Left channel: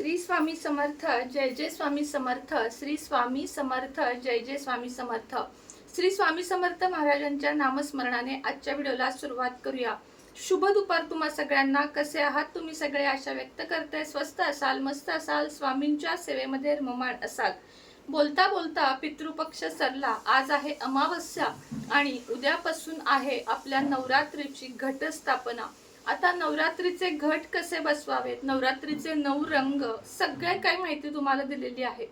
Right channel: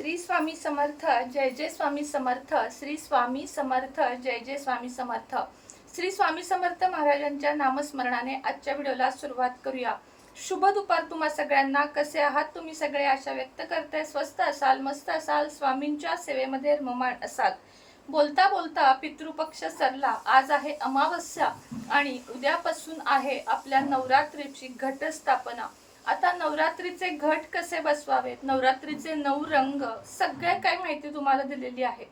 श्री स्वामी समर्थ जय जय स्वामी समर्थ श्री स्वामी समर्थ जय जय स्वामी समर्थ. श्री स्वामी समर्थ महाराजांच्या नामस्मरणाने आजच्या व्हिडिओला सुरुवात करूया. शुभ दुपार तुम्हा सगळ्यांना. कसे आहात तुम्ही सगळे? आशा व्यक्त करताय स्वस्त असाल मस्त असाल स्वामींच्या सेवेमध्ये रममाण असाल. बोलता बोलता पितृपक्ष सरला. आज आहे अमावस्या आणि उद्यापासून आहे आपल्या नवरात्रीची घटस्थापना. आता नवरात्रीचे घट कसे बसवावेत? नवरात्रीचे नऊ रंग सगळे काही माहिती तुम्हाला दिलेली आहे.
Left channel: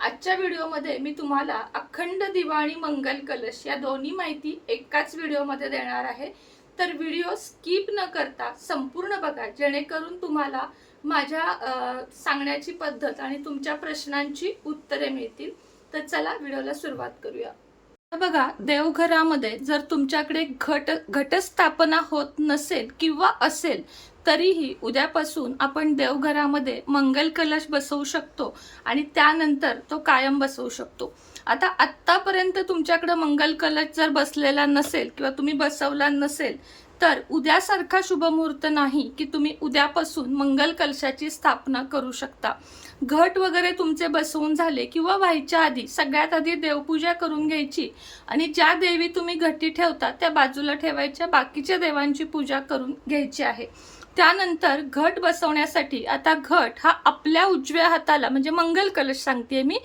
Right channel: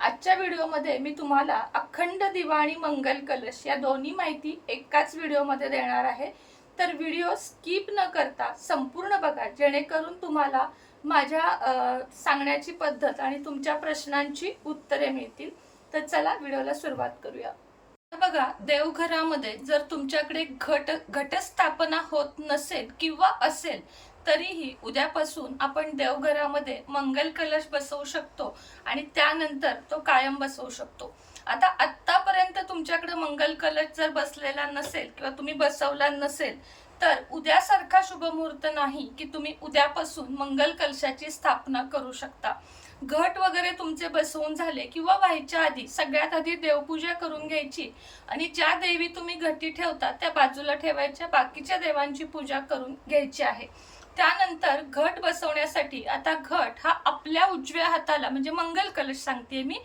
आजच्या व्हिडिओमध्ये मी तुम्हाला अखंड दिवा आणि मंगल कलश या दोन्ही माहिती एकाच व्हिडिओमध्ये देणार आहे. तर व्हिडिओ स्किप न करता संपूर्ण बघा जेणेकरून तुम्हाला माझ्या सांगण्याची पद्धत आणि तुमच्या प्रश्नांची उत्तरे मिळतील. तर चला व्हिडिओला सुरुवात करूया. बघा देवघरामध्ये जर तुमच्याकडे घट घटस्थापना होत नसेल किंवा असेल तरीही उद्यापासून आपण देवघरामध्ये मंगल कलश बसवू शकतो आणि त्यानंतर तो कायम बसवू शकतो. आता आत्तापर्यंत तुमच्याकडे मंगल कलश जर बसलेला नसेल किंवा तुम्ही बसवला नसेल तर उद्यासारखा शुभ मुहूर्त नाही की तुम्ही उद्यापासून मंगल कलशाची स्थापना करू शकता. घट वगैरे तुमचे बसवून झाले किंवा व्हायच्या आधी सगळ्यात आधी देवपूजा करून घ्यायची आणि ज्या देवी तुम्ही घटी ठेवता त्या बाजूला ठेवायच्या बाकीच्या देवांची पूजा करून घ्यायची आहे. त्यानंतर घट बसवण्यासाठी आता घट हा आपल्या उजव्या हाताला म्हणजे मंगल कलश सांगते मी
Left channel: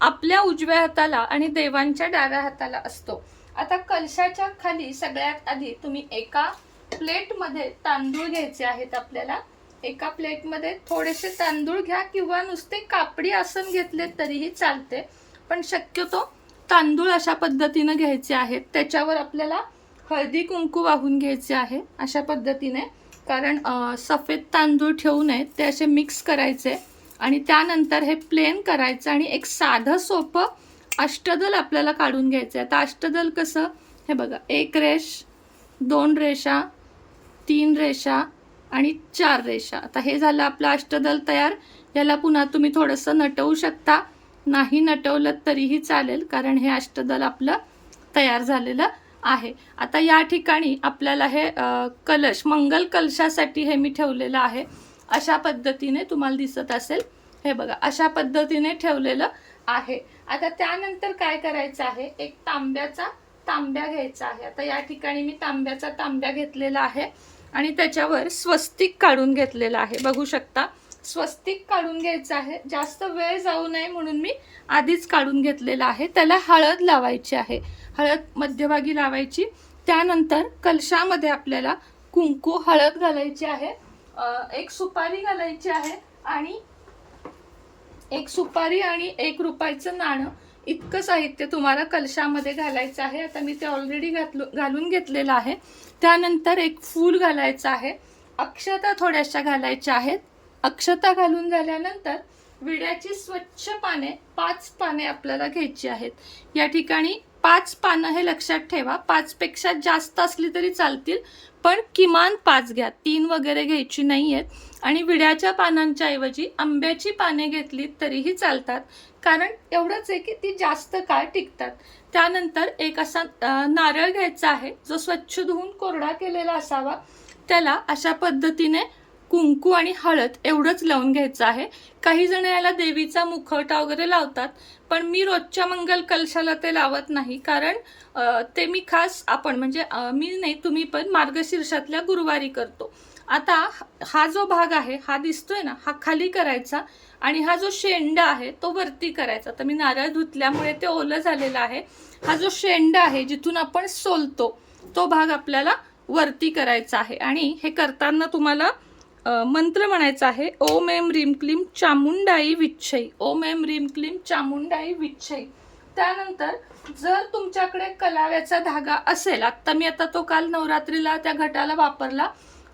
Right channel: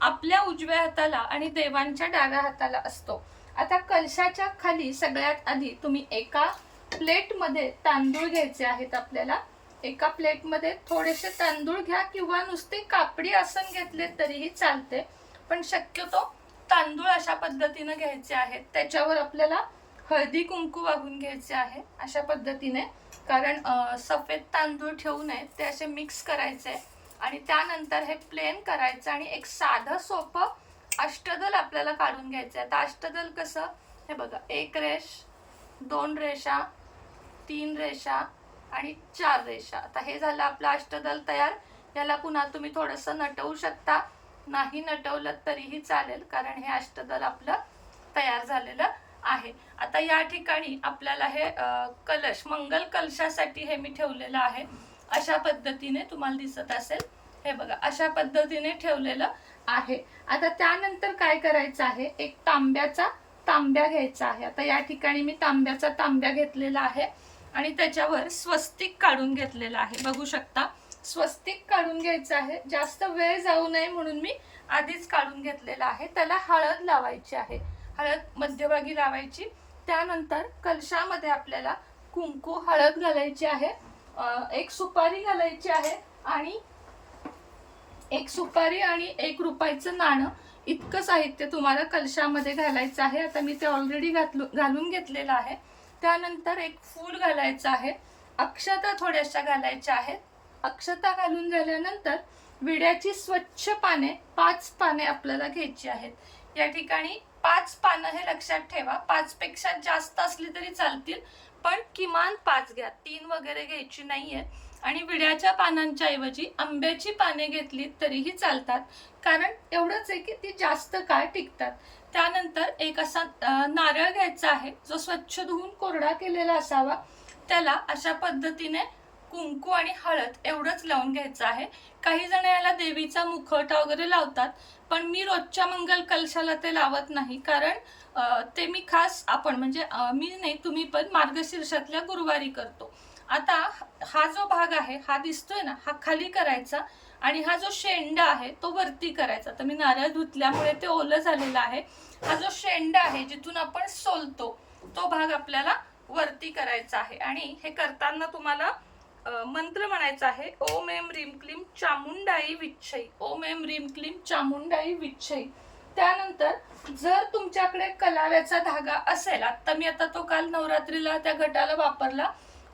आपल्या उजव्या हाताला आणि देवांच्या डाव्या हाताला असतो. आता कलशाच्या खाली सगळ्यात आधी तुम्ही एका प्लेटमध्ये तांदूळ घ्यायचे आहेत आपल्याला. एका प्लेटमध्ये थोडेसे तांदूळ घ्या किंवा नुसते कापडी आसन घेतले तरीही चालते. पण शक्यतो तांदूळ अशा पद्धतीनं घ्यायचे आहेत. त्याच्यावर आपल्याला हळदी कुंकू वाहून घ्यायचे आहे अशा पद्धतीने. कारण सफेद तांदूळ ठेवू नये ते असे मिक्स करायचे आणि त्यानंतर हे प्लेन करायचं आणि एक साधं सोपं अष्टदल आपल्याला काढून घ्यायचं आहे आता अष्टदल कसं? हे बघा एक रेष दोन रेषा तीन रेषा आणि चार रेषा. आता हे झालं आपलं अष्टदल तयार. याला पुन्हा तुम्ही थोडंसं नटवू शकता. नाही नटवलं तरीही चालेल कारण हे अष्टदल आपलं तयार झालेलं आहे. आता या ठिकाणी आपल्याला हे कलश मंगल कलशासाठी हे मी ठेवलेलं आहे. अशा पद्धतीने तुम्हाला दिसत असेल. हे बघा अशा पद्धतीने ठेवलेलं आहे. आता त्यानंतर काय करायचं आहे? एक तांब्याचा तांब्या घ्यायचा आहे. आता या ठिकाणी मी तांब्याचा तांब्या घेतलेला आहे. आणि त्याच्यावर स्वस्तिक काढून घेतलेलं आहे. बघू शकता स्वस्तिक काढून घ्यायचं आहे. जास्त वेळ जाऊ नये म्हणून मी आधीच काढून घेतलेलं आहे. त्याला हळद लावायची आहे. हळद मध्यभागी लावायची. त्यानंतर कलशामध्ये आपल्याला कुंकू हळद घालायची आहे. एक सुपारी घालायची आहे आणि एक सुपारी आणि एक रुपयाचं नाणं इतकं साहित्य तुम्हाला कलशामध्ये घालायचं आहे. आता मी ते ऑलरेडी घातलो घालून घेतलेलं आहे. त्यानंतर एक फूल घालायचं आहे. अक्षता थोड्याशा घालायच्या आहेत. अक्षता घालून झाल्यानंतर विड्याची स्वच्छ पाने पाच पाने आपल्याला घ्यायची आहेत. या ठिकाणी पाच पानं हे लक्षात ठेवा. पाचपेक्षा जास्त असली तरी चालतील पण किमान पाच घ्या. तीन वगैरे घ्यायची नाही आहेत आणि विड्याच्या पानांच्या ऐवजी आंब्याची पाने घेतली तरीही चालतात. कारण एवढंच आहे की ती जास्त काळ टिकतात. त्यानंतर एक असा नारळ घ्यायचा आहे जो स्वच्छ धुवून कोरडा केलेला असावा. त्याला अशा पद्धतीने कुंकू आणि हळद एवढंच लावून घ्यायचं आहे. काही जण याला देवीचा मुखवटा वगैरे लावतात पण मी रोजच्या मंगल कलशाला ते लावत नाही. कारण ते मी खास आपण म्हणजे मी नाही तुम्ही पण मार्गशीर्षातल्या गुरुवारी करतो. आता हा जो भाग आहे हा दिसतोय ना हा खाली करायचा आणि हा जो शेंडा आहे तो वरती करायचा. तर मी नारळ धुतल्यामुळे ते ओलं झालेलं आहे. हा जो शेंडा आहे जिथून आपण सोलतो तो भाग आपल्याला वरती करायचा आहे. आणि हे करताना तुम्हाला मंत्र म्हणायचा आहे ओम एम रीम क्लीम चामुंडाई विच्छई ओम एम रीम क्लीम चामुंडाई विच्छई त्यानंतर जर तुमच्याकडे कलाव्याचा धागा असेल आत्ता मी आता तो काल नवरात्रीला त्या घटाला वापरला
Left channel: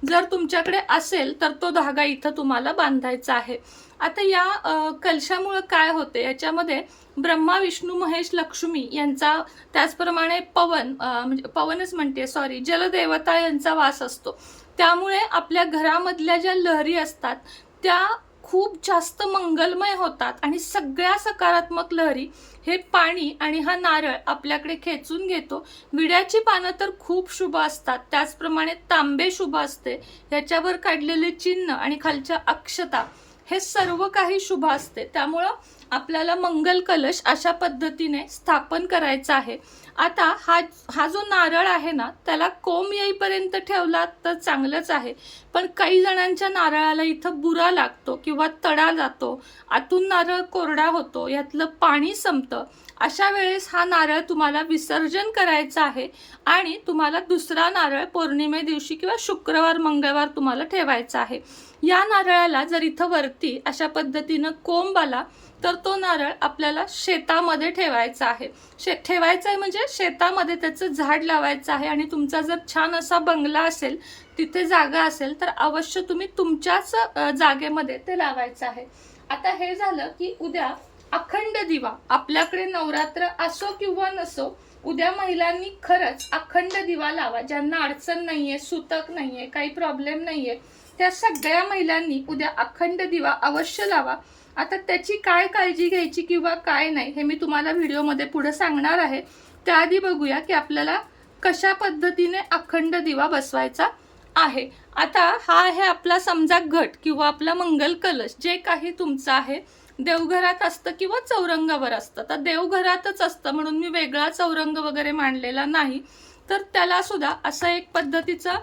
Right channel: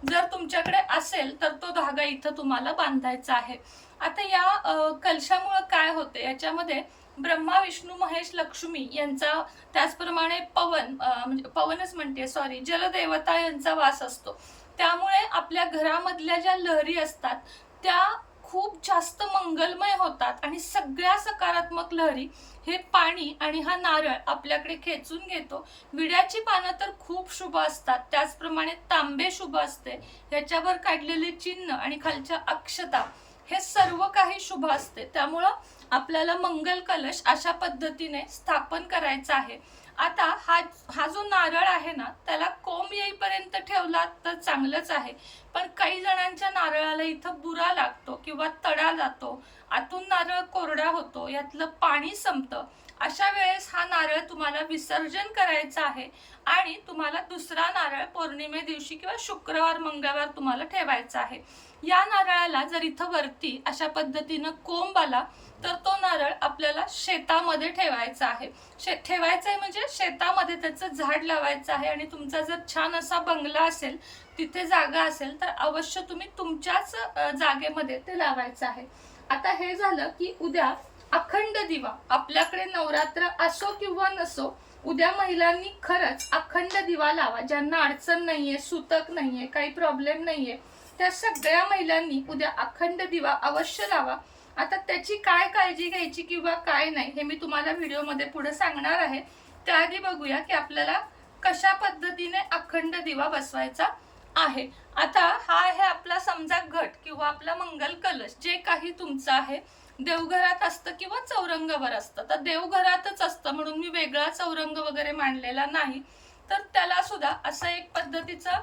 जर तुमच्याकडे असेल तर तो धागा इथं तुम्हाला बांधायचा आहे. आता या कलशामुळं काय होते? याच्यामध्ये ब्रह्मा विष्णू महेश लक्ष्मी यांचा त्याचप्रमाणे पवन म्हणजे पवनच म्हणते सॉरी जलदेवता यांचा वास असतो. त्यामुळे आपल्या घरामधल्या ज्या लहरी असतात त्या खूप जास्त मंगलमय होतात आणि सगळ्या सकारात्मक लहरी हे पाणी आणि हा नारळ आपल्याकडे खेचून घेतो. विड्याची पानं तर खूप शुभ असतात. त्याचप्रमाणे तांबे शुभ असते. ह्याच्यावर काढलेले चिन्ह आणि खालच्या अक्षता हे सर्व काही शुभ असते. त्यामुळं आपल्याला मंगल कलश अशा पद्धतीने स्थापन करायचा आहे. आता हा हा जो नारळ आहे ना त्याला कोंब येईपर्यंत ठेवला तर चांगलंच आहे. पण काही जणांच्या नारळाला इथं बुरा लागतो किंवा तडा जातो आतून नारळ कोरडा होतो यातलं पाणी संपतं. अशा वेळेस हा नारळ तुम्हाला विसर्जन करायचा आहे आणि तुम्हाला दुसरा नारळ पौर्णिमे दिवशी किंवा शुक्रवार मंगळवार तुम्हाला ठेवायचा आहे. या नारळाला जर इथं वरती अशा पद्धतीनं कोंब आला तर तो नारळ आपल्याला शेतामध्ये ठेवायचा आहे. शे ठेवायचं आहे म्हणजे शेतामध्ये त्याचं झाड लावायचं आहे आणि तुमचा जर छान असा बंगला असेल तिथे जागा असेल तर अवश्य तुम्ही तुमच्याच जागेमध्ये ते लावायचं आहे. आता हे झालं की उद्या अखंड दिवा आपल्याकडे नवरात्र असो किंवा नसो उद्या महिलांनी खरंच अखंड दिवा लावा. ज्यांना अडचण नाहीये सुतक नाहीये काही प्रॉब्लेम नाहीये त्या सगळ्या महिलांनी उद्या अखंड दिवा अवश्य लावा. आता त्याची काय काळजी घ्यायची किंवा काय नाही हे मी तुम्हाला व्हिडिओमध्ये पुढे सांगणार आहे. त्याआधी बघूया की आपल्याला कशा पद्धतीने अखंड दिवा बसवायचा आहे. आता हा आहे आपला समजा घट किंवा आपला मंगल कलश जे काही तुमचं आहे. देवघरात असतं किंवा चौरंगावर असतं. तर देवघरातच असतं म्हणून मी वेगळा चौरंग वगैरे मांडलेला नाही. तर त्याला सुद्धा असं एक पद्धतीचा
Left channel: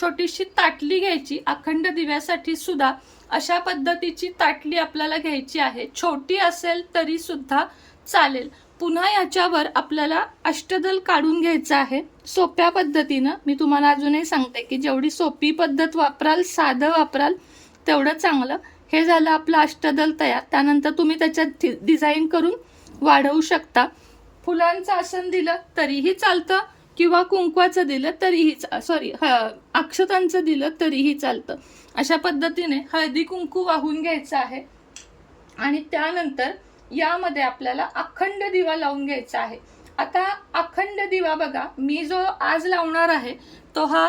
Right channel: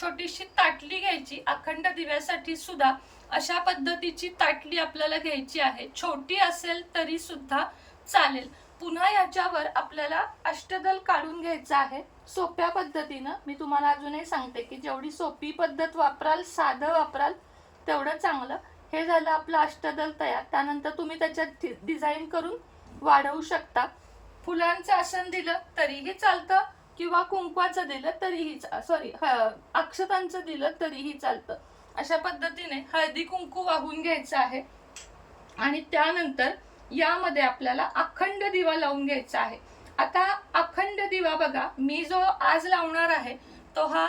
छोटीशी ताटली घ्यायची. अखंड दिव्यासाठी सुद्धा अशा पद्धतीची ताटली आपल्याला घ्यायची आहे. छोटी असेल तरी सुद्धा चालेल. पुन्हा याच्यावर आपल्याला अष्टदल काढून घ्यायचं आहे. सोप्या पद्धतीनं. मी तुम्हाला अजूनही सांगते की जेवढी सोपी पद्धत वापराल साधं वापराल तेवढं चांगलं. हे झालं आपलं अष्टदल तयार. त्यानंतर तुम्ही त्याच्यात डिझाईन करून वाढवू शकता. फुलांचं आसन दिलं तरीही चालतं किंवा कुंकवाचं दिलं तरीही सॉरी अक्षतांचं दिलं तरीही चालतं. अशा पद्धतीने हळदी कुंकू वाहून घ्यायचं आहे. आणि त्यानंतर यामध्ये आपल्याला अखंड दिवा लावून घ्यायचा आहे. आता अखंड दिवा बघा मी जो आज लावणार आहे तो हा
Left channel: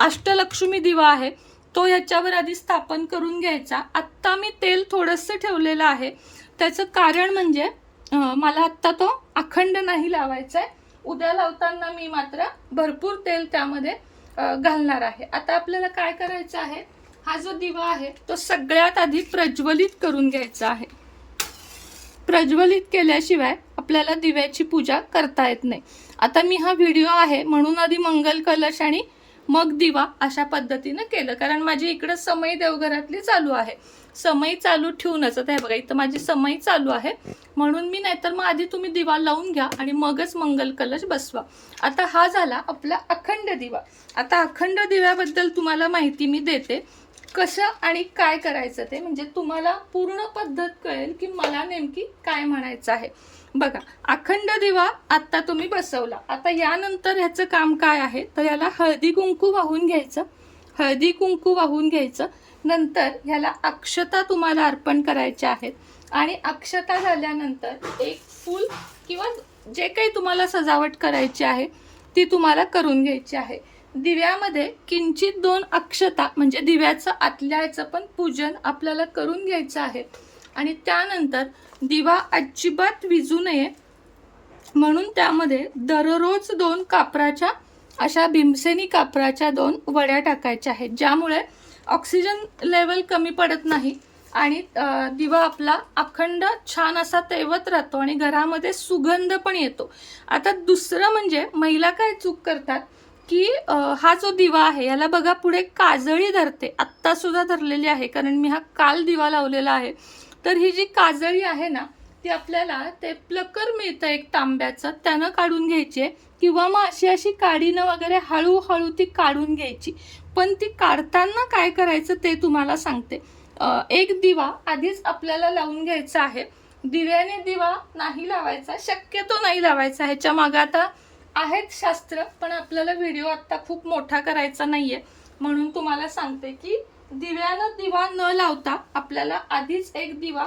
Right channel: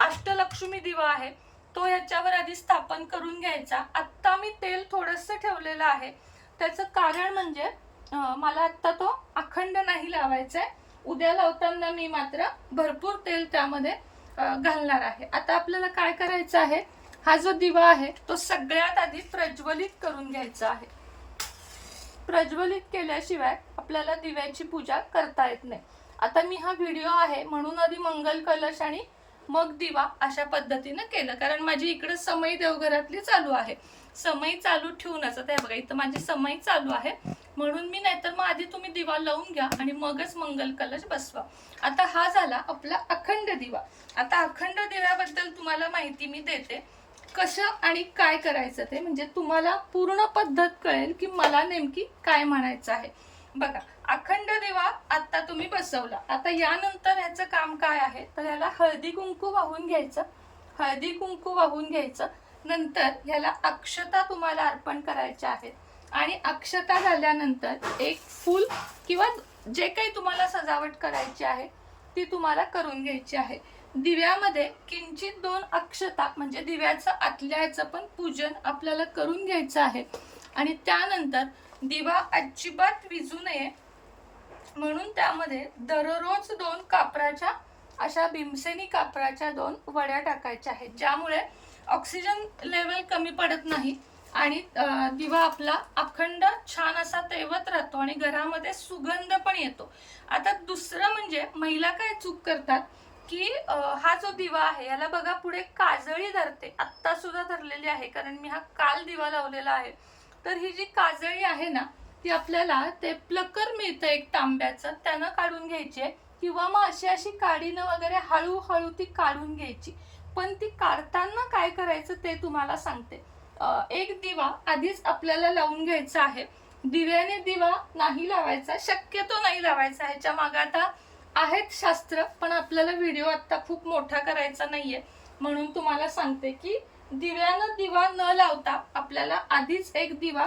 अष्टलक्ष्मी दिवा आहे. तो याच्यावर आधी स्थापन करून घ्यायचा. आत्ता मी तेल थोडंसं ठेवलेलं आहे. त्याचं कारण म्हणजे मला आत्ता तो अखंड नाही लावायचा आहे उद्या लावताना मी मात्र भरपूर तेल त्यामध्ये घालणार आहे. आता आपल्याला काय करायचं आहे? हा जो दिवा आहे तो सगळ्यात आधी प्रज्वलित करून घ्यायचा आहे. प्रज्वलित केल्याशिवाय आपल्याला दिव्याची पूजा करता येत नाही. आता मी हा व्हिडिओ आहे म्हणून आधी मंगल कलश आणि मग दिवा अशा पद्धतीनं केलं. कारण माझी इकडं समई देवघरातली चालू आहे. समई चालू ठेवूनच. आता हे बघा इथं माझी समई चालू आहे. म्हणून मी नाहीतर मग आधी तुम्ही दिवा लावून घ्या आणि मगच मंगल कलश बसवा. आता हा झाला आपला अखंड दिवा. आता अखंड दिव्याबद्दल तुम्हाला माहिती मी देते. कसं आणि काय करायचं ते म्हणजे तुम्हाला पूर्ण पद्धत कळेल की मला नेमकी काय म्हणायचं आहे. बघा अखंड दिवा आत्ता तुम्ही बसवला. आता यानंतर ह्याचं काम काय आहे? तर याला हळदी कुंकू वाहून घ्यायचं. हळदी कुंकू वाहून घ्यायचं. नंतर ह्याला अक्षता तुम्हाला अर्पण करायच्या आहेत. आणि अक्षता झाल्यानंतर एक फूल किंवा जे काही तुम्हाला सजावट करायची आहे ती तुम्हाला करून घ्यायची आहे. दिव्यामध्ये किंचित दोन अक्षता म्हणजे दिव्याचं आतल्याचं पण पूजन आपल्याला करून घ्यायचं आहे. आणि त्यानंतर दिवा अजिबात विजू नये. म्हणून त्यामध्ये दररोज दोन कापराच्या अशा भीमसेनी कापराच्या दोन वड्या टाकायच्या आहेत. ज्यामुळे ऑक्सिजन लेवल कमी पडत नाही आणि दिवा आपला अखंड छान असा तेवत राहतो आणि घरामध्ये सुगंध पण येतो. आता दुसरं म्हणजे महिला काय चूक करतात की हा जो दिवा आहे याला बघा पुढे काजळी धरते. आत्तासुद्धा धरलेली आहे कारण मी हा काल दिवा लावलेला आहे. तर ही जी काजळी आहे ना ती आपल्याला ते प्लकर मिळतं एक तांब्याचं त्यानं काढून घ्यायची. आहे किंवा मग अशी अशी काडीनं वगैरे हळूहळू ती काढून घ्यायची. पण ती काढताना काय करायचं ते तुम्हाला सांगते. एक दिवा आधीच आपल्याला लावून घ्यायचा आहे. दिव्याने दिवा नाही लावायचा शक्यतो नाही लावायचा. ह्याच्या मागे आता आहेत शास्त्र पण आपल्याला व्हिडिओ आत्ता खूप मोठा करायचा नाही आहे म्हणून तुम्हाला सांगते की दिव्यानं दिवा न लावता आपल्याला आधीच एक दिवा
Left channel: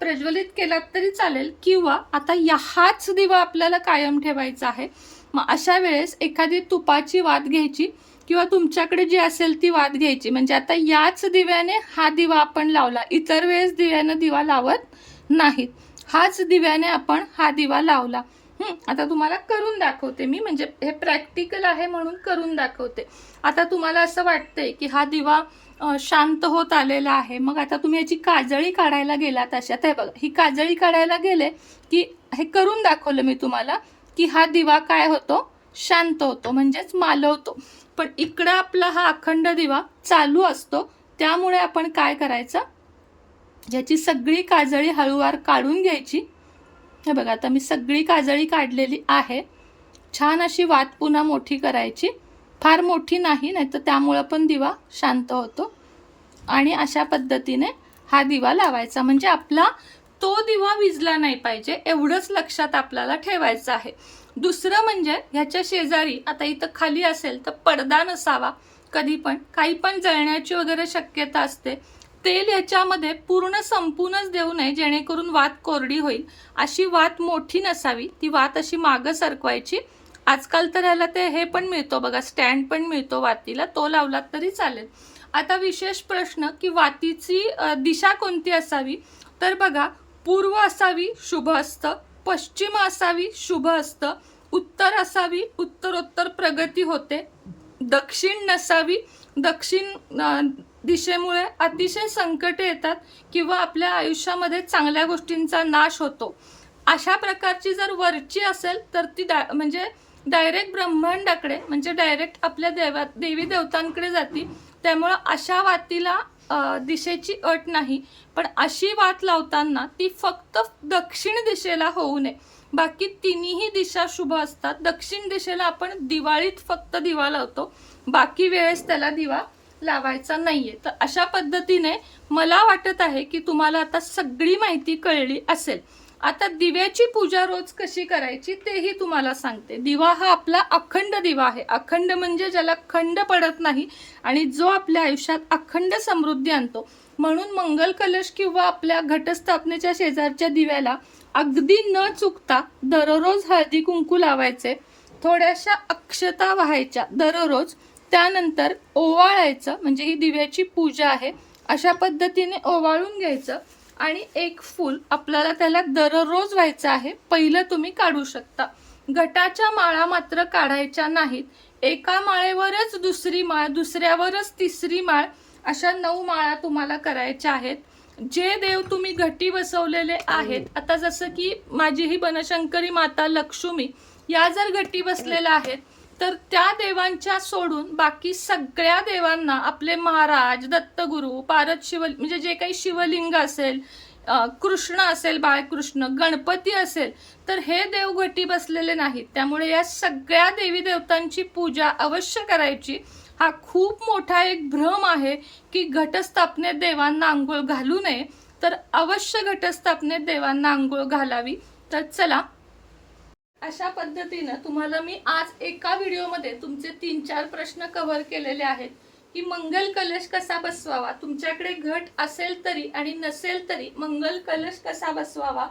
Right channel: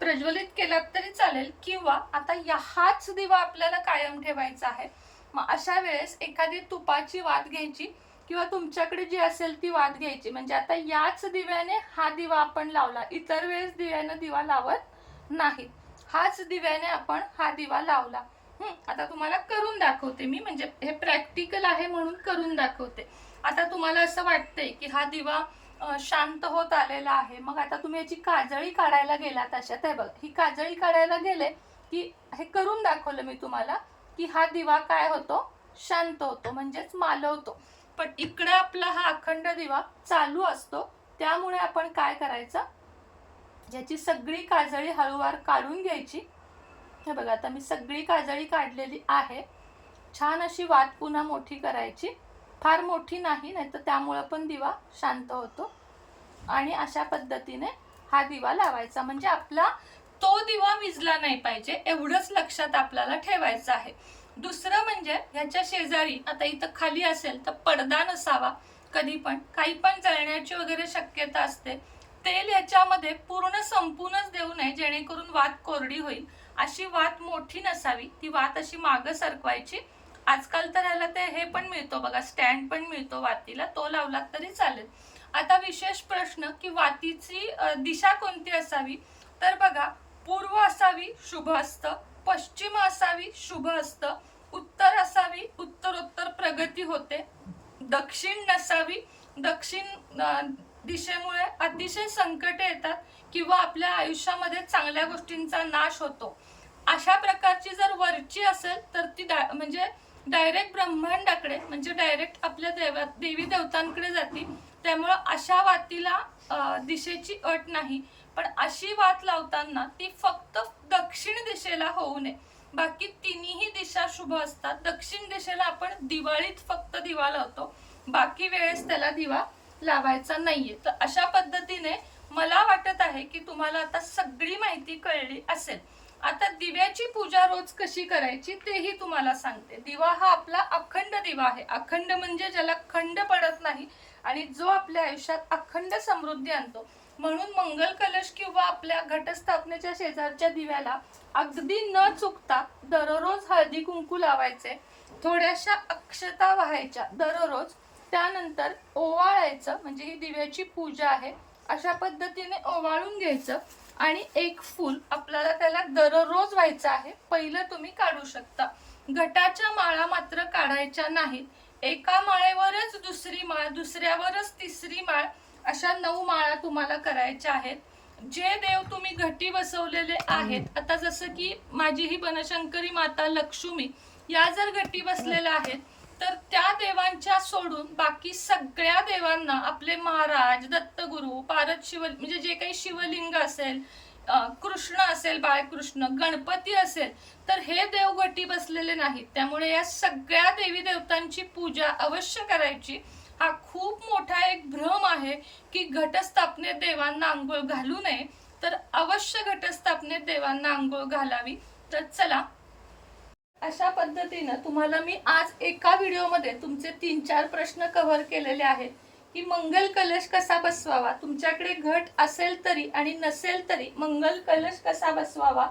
प्रज्वलित केला तरी चालेल. किंवा आता या हाच दिवा आपल्याला कायम ठेवायचा आहे. मग अशा वेळेस एखादी तुपाची वाद घ्यायची किंवा तुमच्याकडे जी असेल ती वाद घ्यायची. म्हणजे आता याच दिव्याने हा दिवा आपण लावला. इतर वेळेस दिव्यानं दिवा लावत नाहीत. हाच दिव्याने आपण हा दिवा लावला. आता तुम्हाला करून दाखवते मी म्हणजे हे प्रॅक्टिकल आहे म्हणून करून दाखवते. आता तुम्हाला असं वाटतंय की हा दिवा शांत होत आलेला आहे. मग आता तुम्ही याची काजळी काढायला गेलात अशात आहे बघा ही काजळी काढायला गेले की हे करून दाखवलं मी तुम्हाला की हा दिवा काय होतो? शांत होतो म्हणजेच मालवतो. पण इकडं आपला हा अखंड दिवा चालू असतो. त्यामुळे आपण काय करायचं? ज्याची सगळी काजळी हळूवार काढून घ्यायची. हे बघा आता मी सगळी काजळी काढलेली आहे. छान अशी वात पुन्हा मोठी करायची. फार मोठी नाही नाही तर त्यामुळं पण दिवा शांत होतो. आणि अशा पद्धतीने हा दिवा लावायचा. म्हणजे आपला तो दिवा विजला नाही पाहिजे एवढंच लक्षात आपल्याला ठेवायचं आहे. दुसरं म्हणजे ह्याच्या शेजारी आता इथं खाली असेल तर पडदा नसावा कधी पण काही पण जळण्याची वगैरे शक्यता असते. तेल याच्यामध्ये पूर्ण संपूनच देऊ नये जेणेकरून वात कोरडी होईल. अशी वात मोठी नसावी ती वात अशी मागं सरकवायची. आजकाल तर ह्याला ते हे पण मिळतो बघा स्टँड पण मिळतो वातीला तो लावलात तरी चालेल. आता विशेष प्रश्न की वातीची दिशा कोणती असावी? तर बघा पूर्व असावी शुभ असतं पश्चिम असावी शुभ असतं उत्तर असावी उत्तरोत्तर प्रगती होते दक्षिण नसावी दक्षिण दिशेमुळे अतिशय संकटे येतात किंवा आपल्या आयुष्यामध्ये चांगल्या गोष्टींचा नाश होतो. अशा प्रकारची जर वरची असेल तर ती डा म्हणजे डायरेक्ट ब्रह्मांडाकडे म्हणजे डायरेक्ट आपल्या देवा देवी देवतांकडे जाती. त्यामुळं अशा वातीला दिशेची अट नाही. पण अशी वात लावताना ती फक्त दक्षिण दिशेला होऊ नये. बाकी तिन्ही दिशा शुभ असतात. दक्षिण दिशेला आपण दिवाळीत फक्त दिवा लावतो. बाकी वेळेस त्याला दिवा लावायचा नाहीये. तर अशा पद्धतीने मला वाटत आहे की तुम्हाला आता सगळी माहिती कळली असेल. आता दिव्याची पूजा रोज कशी करायची तेही तुम्हाला सांगते. दिवा हा आपला अखंड दिवा आहे. अखंड म्हणजे ज्याला खंड पडत नाही आणि जो आपल्या आयुष्यात अखंड समृद्धी आणतो. म्हणून मंगल कलश किंवा आपल्या घटस्थापनेच्या शेजारच्या दिव्याला अगदी न चुकता दररोज हळदी कुंकू लावायचे. थोड्याशा अक्षता व्हायच्या दररोज. त्यानंतर ओवाळायचं म्हणजे ही दिव्याची पूजा आहे अशा पद्धतीने ओवाळून घ्यायचं आणि एक फूल आपल्याला त्याला दररोज व्हायचं आहे पहिलं तुम्ही काढू शकता. घटाच्या माळा मात्र काढायच्या नाहीत. एका माळेवरच दुसरी माळ दुसऱ्यावरच तिसरी माळ अशा नऊ माळा तुम्हाला करायच्या आहेत. जे देव तुम्ही घटी बसवलेले आहेत आता जसं की माझी ही बनशंकरी माता लक्ष्मी या जर घटी बसलेल्या आहेत तर त्या देवांच्या सोडून बाकी सगळ्या देवांना आपले महाराज दत्तगुरु पारद शिव म्हणजे जे काही शिवलिंग असेल कृष्ण असेल बाळकृष्ण गणपती असेल तर हे देव घटी बसलेले नाहीत. त्यामुळे या सगळ्या देवी देवतांची पूजा अवश्य करायची. हा खूप मोठा एक भ्रम आहे की घटस्थापनेत देवांना आंघोळ घालू नये. तर अवश्य घटस्थापनेत देवांना आंघोळ घालावी. तर चला अशा पद्धतीनं तुम्हाला मी आज एका व्हिडिओमध्ये तुमचे तीन चार प्रश्न कव्हर केलेले आहेत. की मंगल कलश कसा बसवावा? तुमच्याकडे घट असेल तरी आणि नसेल तरी मंगल कलश कसा बसवावा?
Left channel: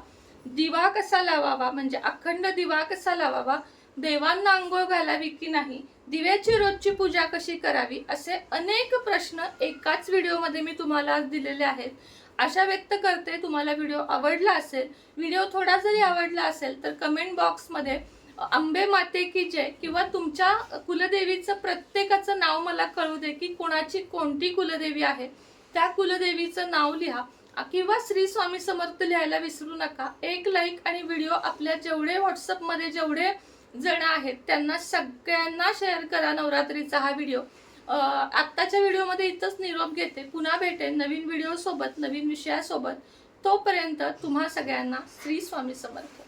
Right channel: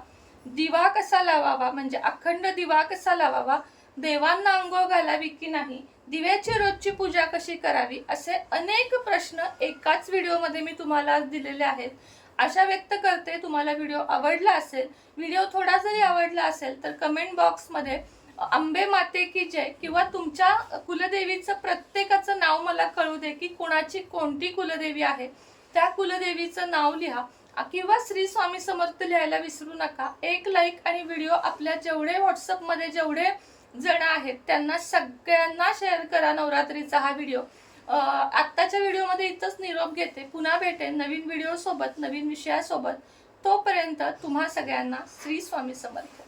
दिवा कसा लावावा? म्हणजे अखंड दिवा कसा लावावा? देवांना आंघोळ घालावी की नाही? दिव्याची रोजची पूजा कशी करावी? असे अनेक प्रश्न एकाच व्हिडिओमध्ये मी तुम्हाला आज दिलेले आहेत. आशा व्यक्त करते तुम्हाला व्हिडिओ आवडला असेल व्हिडिओ थोडा जरी आवडला असेल तर कमेंट बॉक्समध्ये आंबे माते की जय किंवा तुमच्या कुलदेवीचं प्रत्येकाचं नाव मला कळू दे की कोणाची कोणती कुलदेवी आहे. त्या कुलदेवीचं नाव लिहा. किंवा श्री स्वामी समर्थ लिहायला विसरू नका. एक लाईक आणि व्हिडिओ आपल्या जेवढे व्हॉट्सअपमध्ये जेवढे जण आहेत त्यांना सगळ्यांना शेअर करा नवरात्रीचा हा व्हिडिओ. आत्ताच्या व्हिडिओमध्ये इथंच निरोप घेते. पुन्हा भेटेन नवीन व्हिडिओसोबत नवीन विषयासोबत. तोपर्यंत तुम्हा सगळ्यांना श्री स्वामी समर्थ.